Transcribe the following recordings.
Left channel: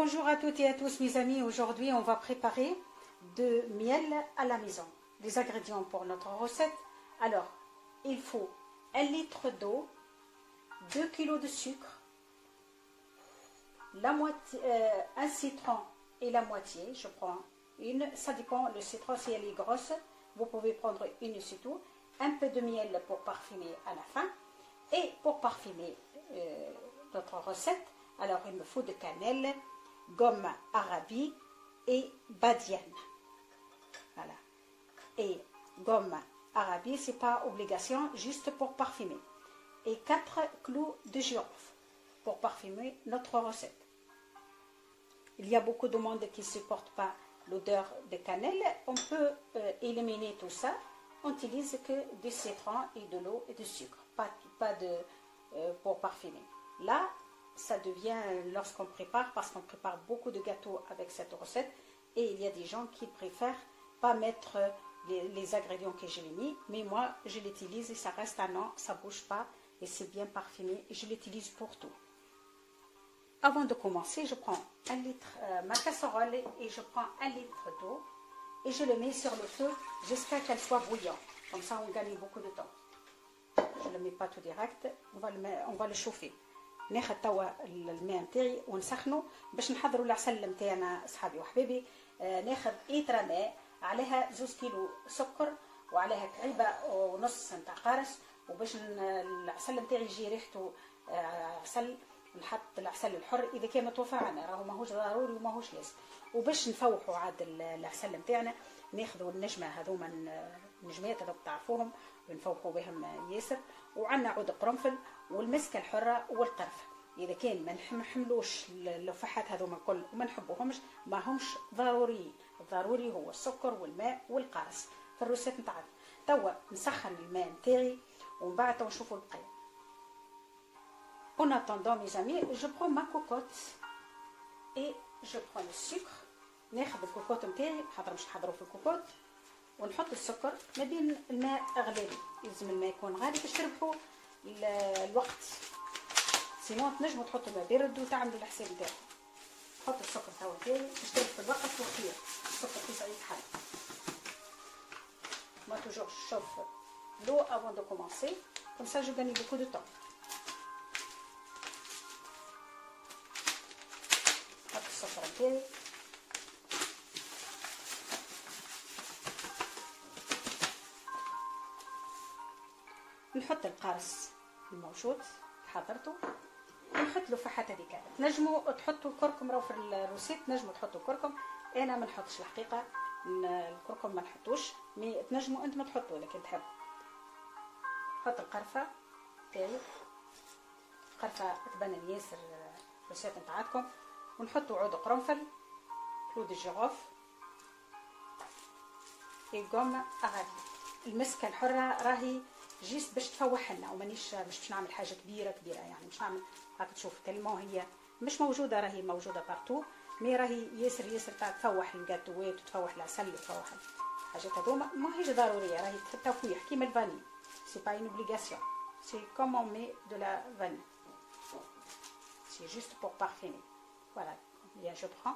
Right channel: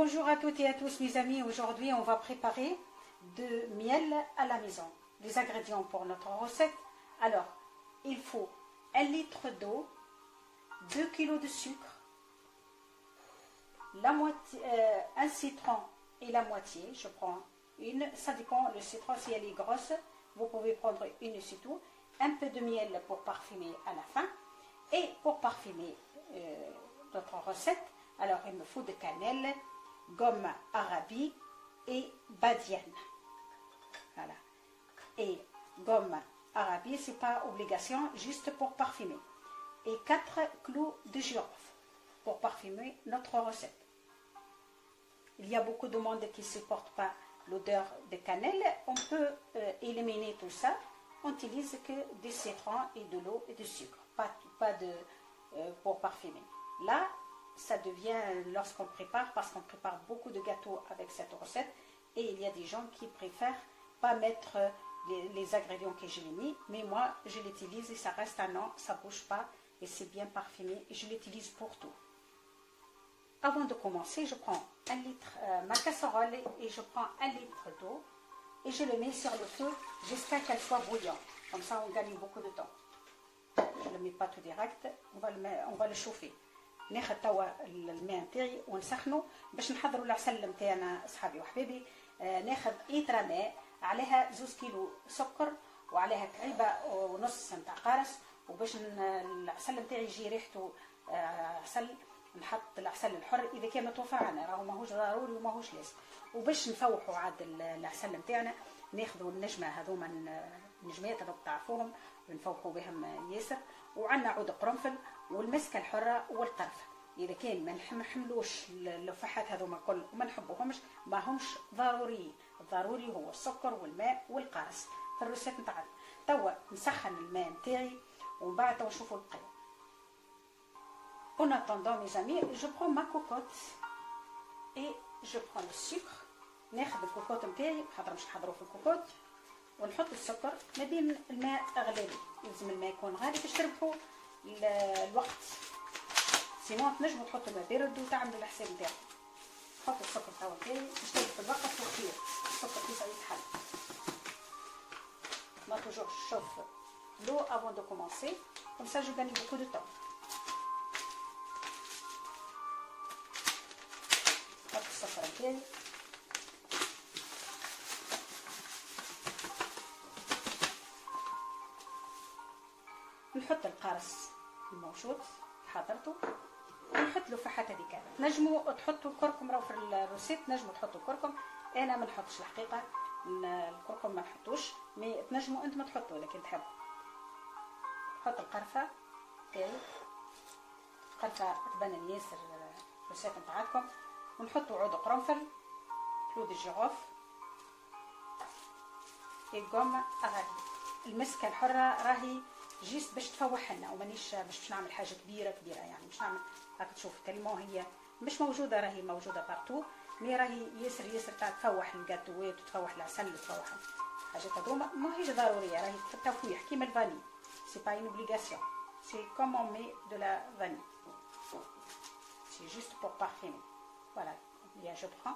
Bonjour à toutes et à tous mes amis, aujourd'hui on va préparer de miel à la maison. Les ingrédients pour notre recette, alors il faut 1 litre d'eau, 2 kg de sucre, la moitié, un citron et la moitié, je prends une, ça dépend, le citron si elle est grosse, vous pouvez prendre une c'est tout, un peu de miel pour parfumer à la fin, et pour parfumer notre recette, alors il me faut de cannelle, gomme arabique et badiane. Voilà. Et gomme arabique, c'est pas obligation, juste pour parfumer. Et 4 clous de girofle pour parfumer notre recette. Il y a beaucoup de monde qui ne supporte pas l'odeur de cannelle. On peut éliminer tout ça. On n'utilise que du citron et de l'eau et du sucre, pas de pour parfumer. Là, ça devient lorsqu'on prépare, parce qu'on prépare beaucoup de gâteaux avec cette recette, et il y a des gens qui préfèrent pas mettre les ingrédients que j'ai mis, mais moi je l'utilise et ça reste un an, ça bouge pas et c'est bien parfumé, je l'utilise pour tout. Avant de commencer, je prends 1 litre, ma casserole, et je prends 1 litre d'eau et je le mets sur le feu jusqu'à qu'elle soit bouillante, comme ça on gagne beaucoup de temps. Je ne le mets pas tout direct, on va le chauffer. ناخذ توا الماء نتاعي ونسخنه باش نحضروا العسل نتاعنا اصحابي وحبايبي. ناخذ لتر ماء عليها 2 كيلو سكر وعليها كعيبه ونص نتاع قارص، وباش العسل نتاعي يجي ريحته عسل نحط العسل الحر اذا كان متوفر عنا، راهو ماهوش ضروري وماهوش لازم. وباش نفوحوا عاد العسل نتاعنا ناخذوا النجمه هذوما النجمات هذوك تعرفوهم ونفوحوا بهم ياسر، وعندنا عود قرنفل والمسكه الحره والقرفه. اذا كان ما نحملوش اللفحات هذوما الكل وما نحبوهمش ما همش ضروري، الضروري هو السكر والماء والقارص في الروسيت نتاعنا. توا نسخن الماء نتاعي ومن بعد توا نشوفوا البقيه. En attendant mes amis, je prends ma cocotte et je prends le sucre. ناخذ الكوكوط نتاعي خاطر مش نحضروا في الكوكوط، ونحط السكر ما بين الماء غلي، لازم الماء يكون غالي باش تربحوا الوقت، سينون تنجموا تحطوا الماء بارد وتعملوا الحساب نتاعكم. نحط السكر توا نتاعي باش تربحوا الوقت وخير، السكر كيف يتحل. ما توجور chauffe l'eau avant de commencer, comme ça je gagne beaucoup de temps. نحط السكر نتاعي نحط القارص الموجود حضرته، ونحط له فحات هذيك. تنجموا تحطوا الكركم، راهو في الروسيت تنجموا تحطوا الكركم، انا ما نحطش الحقيقه الكركم ما نحطوش، مي تنجموا انتم تحطوا لكن تحبوا. نحط القرفه تاعي، قرفه تبان ياسر الروسيت نتاعكم، ونحطوا عود قرنفل، كلو دي جيروف، في غوم اغادي. المسكه الحره راهي جيست باش تفوح لنا، ومانيش باش نعمل حاجه كبيره يعني مش نعمل راك تشوف كلمه هي مش موجوده، راهي موجوده بارتو، مي راهي ياسر تاع تفوح الجاتوات وتفوح العسل وتفوح الحاجات هذوما، ماهيش ضروريه، راهي تفويح كيما الفاني، سي با اون اوبليغاسيون، سي كوم اون مي دو لا فاني، سي جوست بور بارفيمي. فوالا بيان جو برون.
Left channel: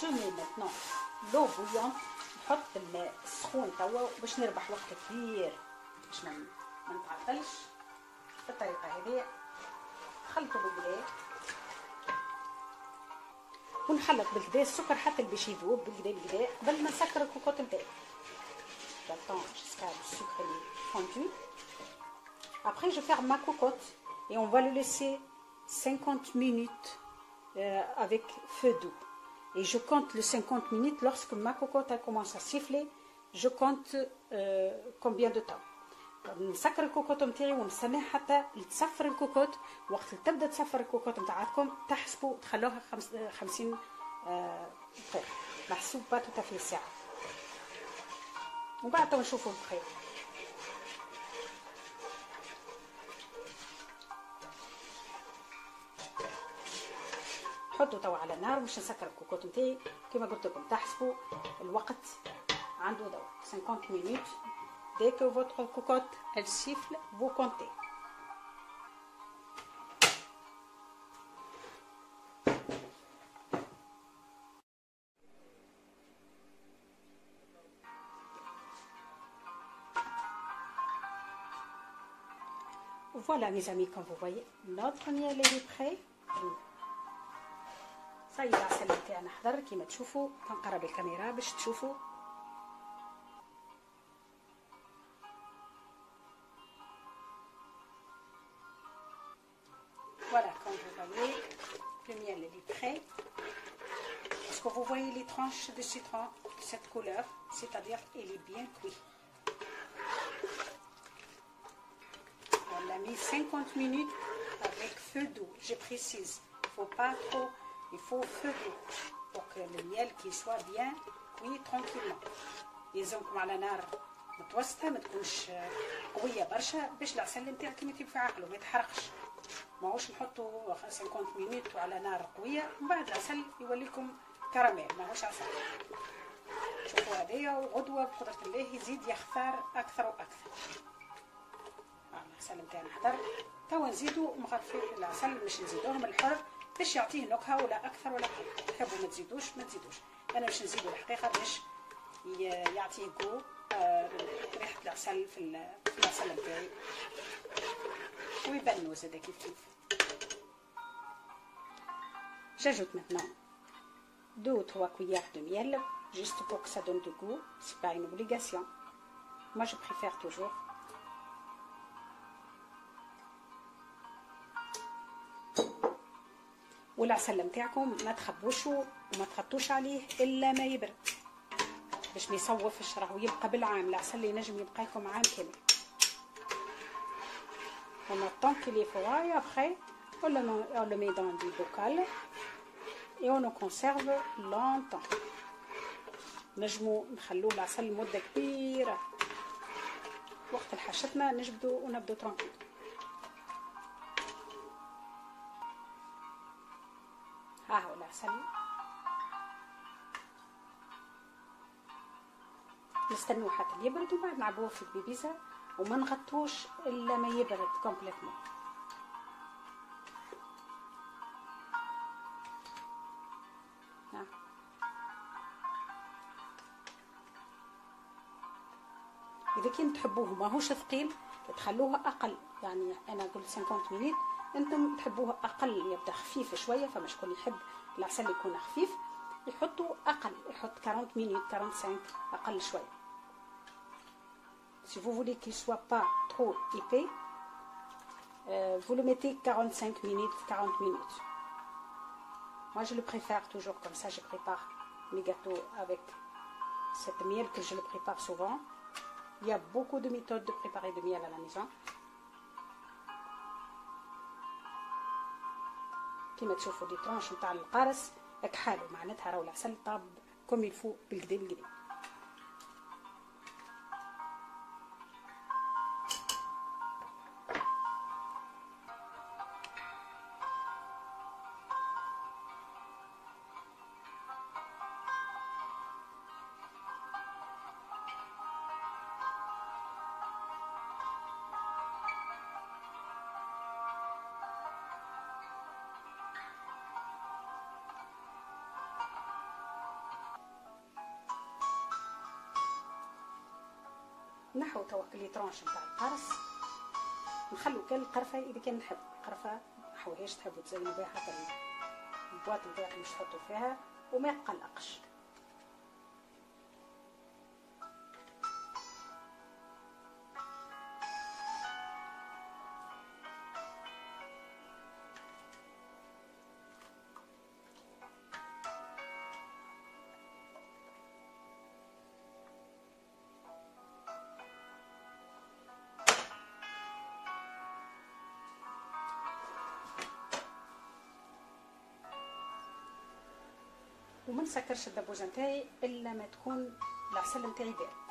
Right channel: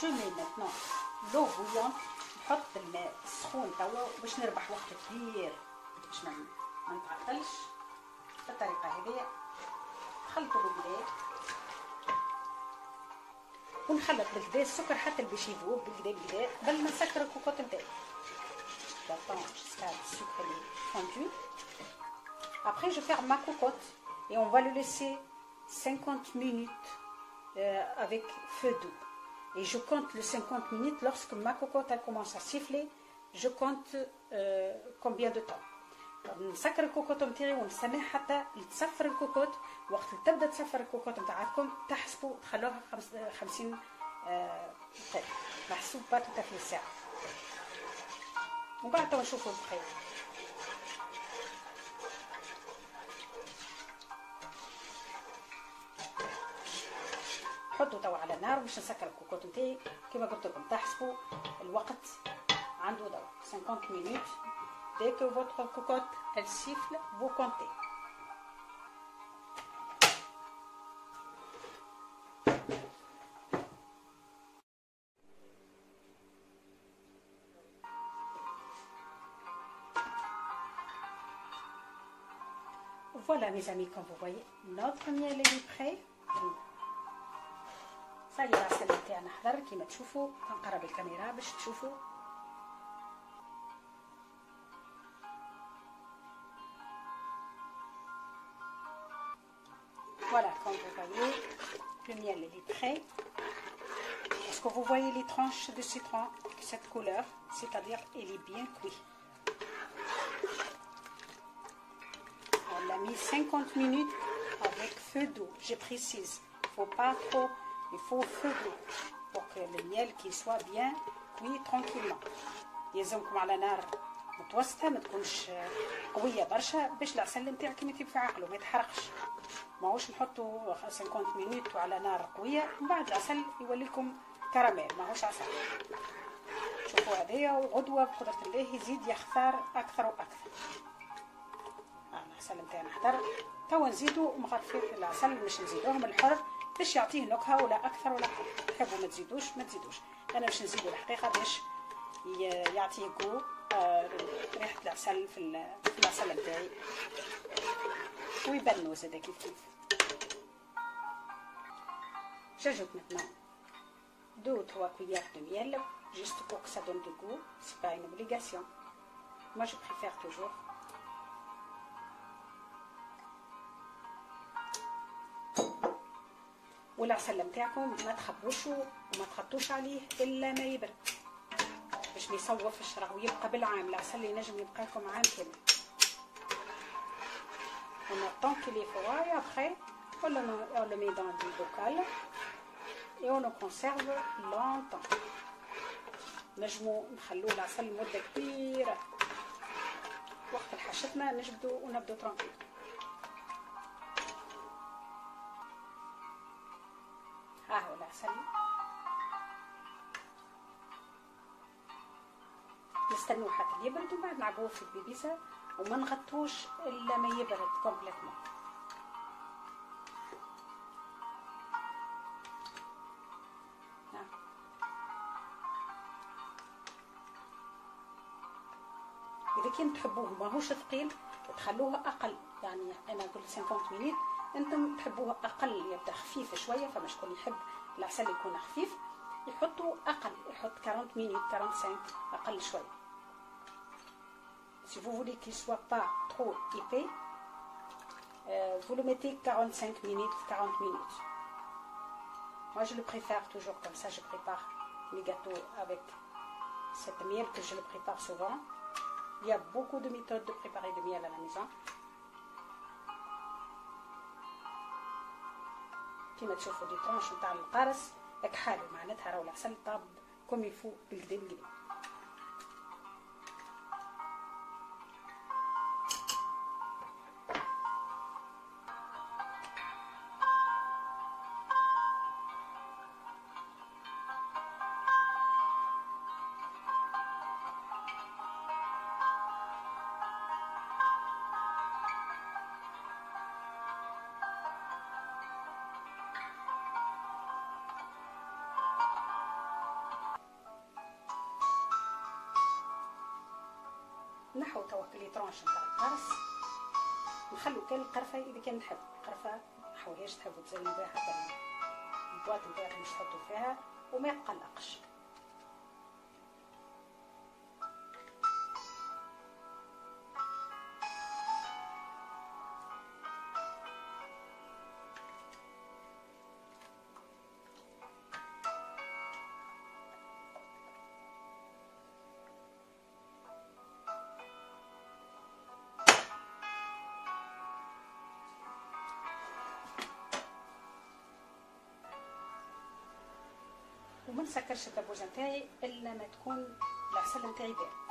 Je mets maintenant l'eau bouillante، نحط الماء السخون توا باش نربح وقت كبير باش ما نتعطلش. بالطريقه هذه نخلطوا بالكدا ونخلط بالكدا السكر حتى باش يذوب بالكدا قبل ما نسكر الكوكوط نتاعي. J'attends jusqu'à le sucre fondu. Après je ferme ma cocotte et on va le laisser 50 minutes avec feu doux. Et je compte les 50 minutes lorsque ma cocotte elle commence à siffler. Je compte combien de temps. نسكر الكوكوط نتاعي ونستنى حتى يتصفر الكوكوط. وقت اللي تبدا تصفر الكوكوط نتاعكم تحسبوا تخلوها 50 دقيقة، محسوب با تو في ساعة، ومن بعد تو نشوفوا البخير. حطوا توا على النار باش نسكر الكوكوط نتاعي كيما قلت لكم، تحسبوا الوقت عنده ضوء 50 مينوت Dès que votre cocotte, elle siffle, vous comptez. Voilà mes amis, comme vous voyez, notre miel est prêt. صاي العسل تاعنا حضر كيما تشوفوا. كنقرب الكاميرا باش تشوفوا. Voilà, comme vous voyez, le miel est prêt. Est-ce que vous voyez les tranches de citron, cette couleur, c'est-à-dire il est bien cuit. On l'a mis 50 minutes avec feu doux, je précise. Il ne faut pas trop, il faut feu doux pour que le miel qui soit bien cuit tranquillement. يلزمكم على نار متوسطة، ما تكونش قوية برشا باش العسل نتاعك يمثل في عقله ما يتحرقش. ماهوش نحطو 50 مينوت على نار قوية ومن بعد العسل يولي لكم كراميل، ماهوش عسل. شوفوا هذايا، وغدوة بقدرة الله يزيد يختار أكثر وأكثر. العسل نتاعنا حضر، توا نزيدو مغرفين العسل باش نزيدوه من الحر باش يعطيه نكهة ولا أكثر ولا أقل. تحبوا ما تزيدوش ما تزيدوش، أنا باش نزيدو الحقيقة باش يعطيه جو ريحة العسل في العسل نتاعي ويبنوا زادا كيف كيف. J'ajoute maintenant 2 ou 3 cuillères de miel, juste pour que ça donne du goût. C'est pas une obligation. Moi, je préfère toujours. والعسل نتاعكم ما تخبوشوا وما تحطوش عليه الا ما يبرد باش ما يصوفش، راهو يبقى بالعام. العسل ينجم يبقى لكم عام كامل. On attend qu'il est froid et après on le met dans du bocal et on le conserve longtemps. نجمو نخلوه العسل مدة كبيرة، وقت حشتنا ونبدو ترانكيل. ها هو العسل. نستنوه حتى يبرد ومن بعد نعبوه في البيبيزة وما نغطوش الا ما يبرد كومبليتمون. اذا كان تحبوه ماهوش ثقيل تخلوه اقل، يعني انا قلت 50 مينيت، انتم تحبوه اقل يبدا خفيف شويه. فما شكون يحب العسل يكون خفيف يحطوا اقل، يحط 40 مينيت 45 اقل شويه. Si vous voulez qu'il ne soit pas trop épais, vous le mettez 45 minutes, 40 minutes. Moi, je le préfère toujours comme ça. Je prépare mes gâteaux avec cette miel que je le prépare souvent. Il y a beaucoup de méthodes de préparer de miel à la maison. كيما تشوفوا دي ترونش نتاع القارص كحالو، معناتها راهو العسل طاب كوم يفو بالكدا بالكدا. نحو توكل لي ترونش نتاع القرص، نخلو كان القرفه اذا كان نحب القرفه نحاولهاش تحبوا تزينوا بها حتى البواط نتاعكم باش تحطوا فيها وما يتقلقش. وما نسكرش الدبوزه نتاعي الا ما تكون العسل نتاعي بارد.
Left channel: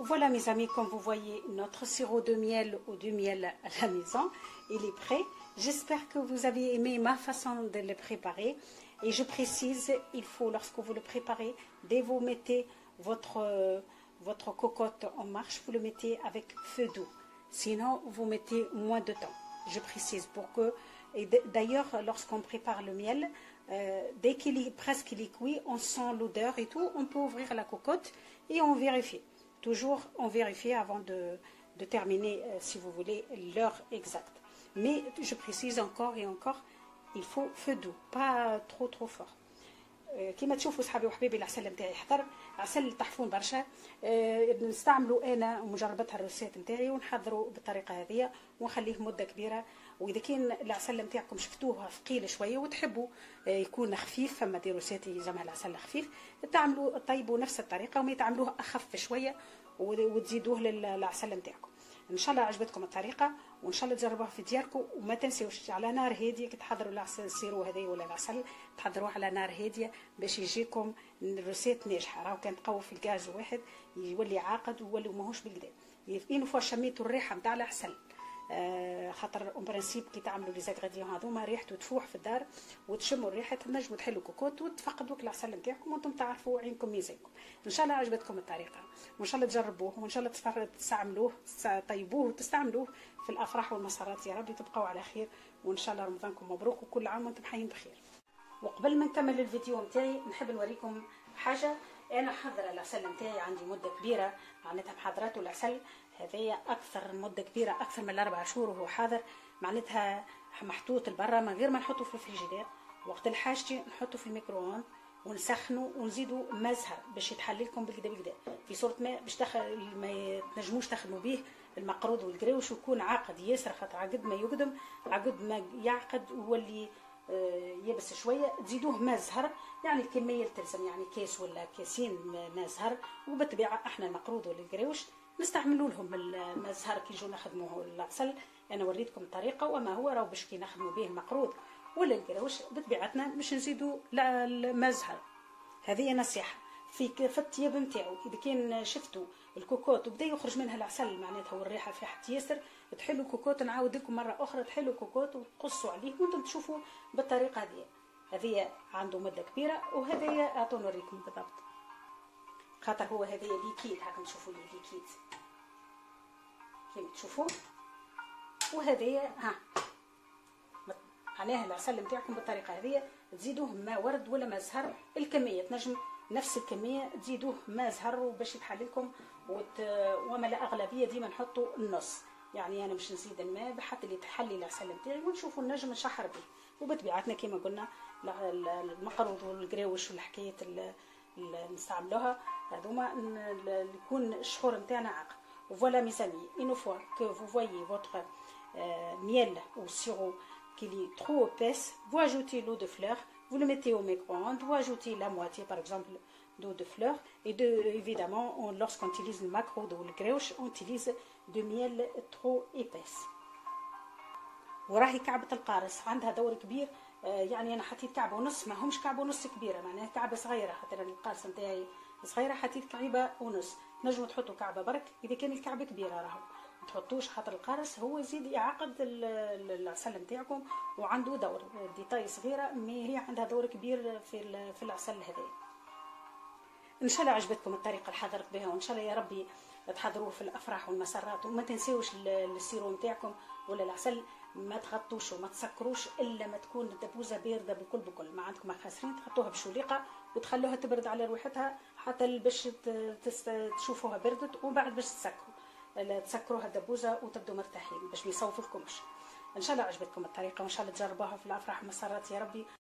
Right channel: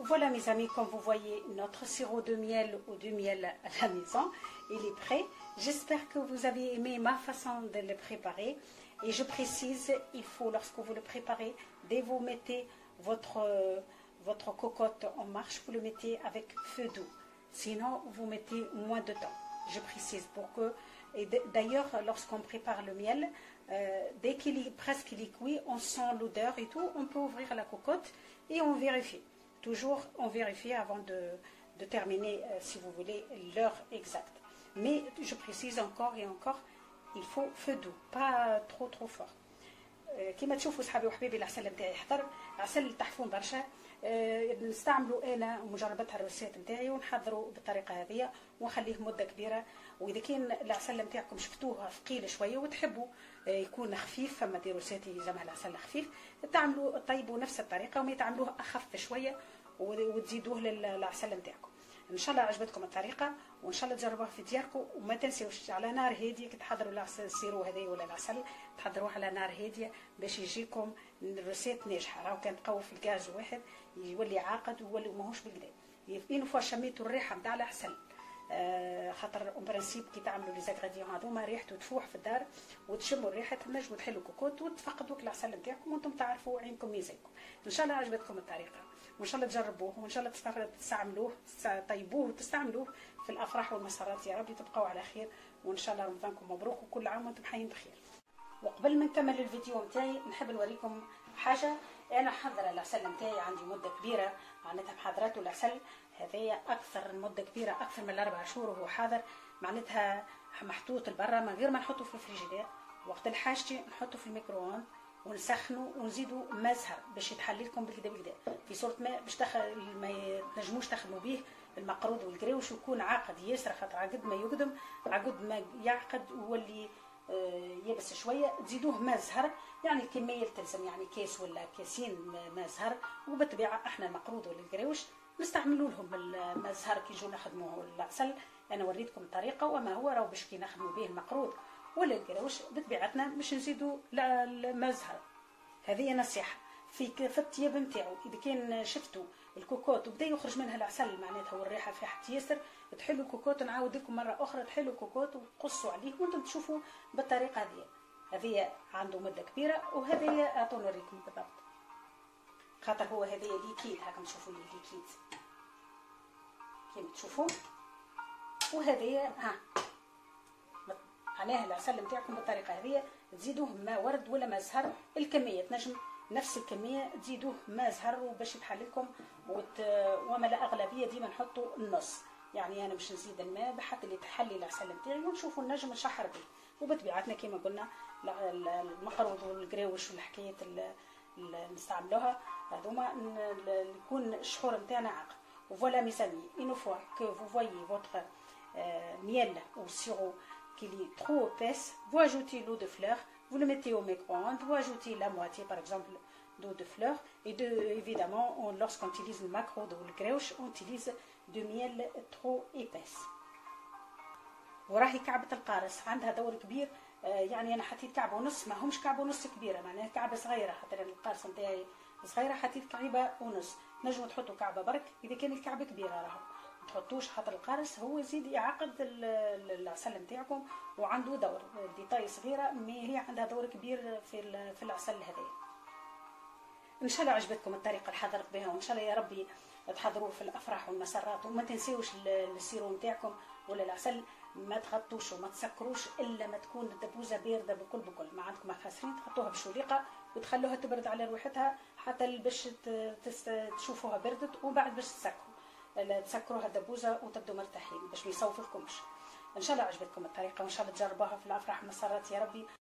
Voilà mes amis, comme vous voyez, notre sirop de miel ou du miel à la maison, il est prêt. J'espère que vous avez aimé ma façon de le préparer. Et je précise, il faut, lorsque vous le préparez, dès que vous mettez votre cocotte en marche, vous le mettez avec feu doux. Sinon, vous mettez moins de temps. Je précise pour que... Et d'ailleurs, lorsqu'on prépare le miel, dès qu'il est presque cuit, on sent l'odeur et tout, on peut ouvrir la cocotte et on vérifie. Toujours, on vérifie avant de terminer, si vous voulez, l'heure exacte. Mais je précise encore et encore, il faut feu doux, pas trop fort. كما تشوفوا صحابي وحبيبي العسل نتاعي حضر عسل تحفون برشا. نستعملوا انا ومجربتها الروسيت نتاعي ونحضروا بالطريقه هذه ونخليه مده كبيره. واذا كان العسل نتاعكم شفتوه ثقيل شويه وتحبوا يكون خفيف، فما دي روسيت يلزمها العسل خفيف، تعملوا طيبوا نفس الطريقه وما تعملوه اخف شويه وتزيدوه للعسل نتاعكم. ان شاء الله عجبتكم الطريقه وان شاء الله تجربوها في دياركم. وما تنسيوش على نار هاديه كي تحضروا العسل السيرو هذايا ولا العسل تحضروه على نار هاديه باش يجيكم الروسيت ناجحه. راهو كان تقوي في الغاز واحد يولي عاقد ويولي ماهوش بالكدا. اين فوا شميتوا الريحه نتاع العسل، خاطر اون برانسيب كي تعملوا لي زاغريديون هذوما ريحته تفوح في الدار وتشموا الريحه تنجموا تحلوا كوكوت وتفقدوا العسل نتاعكم وانتم تعرفوا عينكم ميزانكم. ان شاء الله عجبتكم الطريقه وان شاء الله تجربوه وان شاء الله تستعملوه طيبوه وتستعملوه في الافراح والمسارات. يا ربي تبقوا على خير وان شاء الله رمضانكم مبروك وكل عام وانتم حيين بخير. وقبل ما نكمل الفيديو نتاعي نحب نوريكم حاجه. انا حضر العسل نتاعي عندي مده كبيره معناتها محضراته. العسل هذايا اكثر مده كبيره اكثر من 4 شهور وهو حاضر، معناتها محطوط لبرا من غير ما نحطه في الفريجيدير. وقت الحاجه نحطه في الميكرووند ونسخنه ونزيدوا ماء زهر باش يتحلي لكم بالكدا في صوره ماء باش ما تنجموش تخدموا به المقروض والقريوش ويكون عاقد ياسر. خاطر عقد ما يقدم عقد ما يعقد ويولي يبس شويه. تزيدوه ماء زهر يعني الكميه اللي تلزم، يعني كاس ولا كاسين ماء زهر. وبالطبيعه احنا المقروض والقريوش نستعملوا لهم الماء زهر كي يجوا نخدموه العسل. انا وريتكم الطريقه وما هو راهو باش كي نخدموا به المقروض ولا القراوش بطبيعتنا باش نزيدوا الماء زهر. هذه نصيحه في الطياب نتاعو. اذا كان شفتوا الكوكوت وبدا يخرج منها العسل معناتها والريحه فيها ياسر، تحلوا الكوكوت. نعاود لكم مره اخرى تحلوا الكوكوت وتقصوا عليه وانتم تشوفوا بالطريقه هذه عنده مده كبيره. وهذه اعطوني نوريكم بالضبط خاطر هو هذه ليكيد. هاكم تشوفوا ليكيد كيما تشوفوا. وهذه معناها العسل نتاعكم بالطريقه هذه. تزيدوه ماء ورد ولا ماء زهر، الكميه تنجم نفس الكميه تزيدوه ماء زهر وباش يتحل لكم وما لا اغلبيه ديما نحطوا النص. يعني انا مش نزيد الماء بحط اللي تحلي العسل نتاعي ونشوفوا النجم نشحر به. وبطبيعتنا كما قلنا المقروض والقراوش والحكايات اللي نستعملوها هذوما يكون الشخور نتاعنا عاقل. وفوالا mes amis, une fois que vous voyez votre miel ou sirop qu'il est trop épaisse, vous ajoutez l'eau de fleur, vous le mettez au micro-ondes, vous ajoutez la moitié par exemple d'eau de fleur et évidemment lorsqu'on utilise le macro ou le gréouche on utilise de miel trop épaisse. وراهي كعبة القارص عندها دور كبير. يعني انا حطيت كعبة ونص، ما همش كعبة ونص كبيرة، معناها كعبة صغيرة خاطر القارص نتاعي صغيرة حطيت كعبة ونص. نجموا تحطوا كعبة برك اذا كان الكعبة كبيرة راهو ما تحطوش خاطر القارص هو يزيد يعقد العسل نتاعكم وعنده دور ديتاي صغيرة مي هي عندها دور كبير في العسل هذا. ان شاء الله عجبتكم الطريقة اللي حضرت بها وان شاء الله يا ربي تحضروه في الافراح والمسرات. وما تنسيوش السيرو نتاعكم ولا العسل ما تغطوش وما تسكروش الا ما تكون الدبوزه بارده بكل. ما عندكم خاسرين تحطوها بشوليقه وتخلوها تبرد على روحتها حتى باش تشوفوها بردت وبعد باش تسكروها الدبوزه وتبدوا مرتاحين باش ما يصوفلكمش. ان شاء الله عجبتكم الطريقه وان شاء الله تجربوها في الافراح والمسرات يا ربي.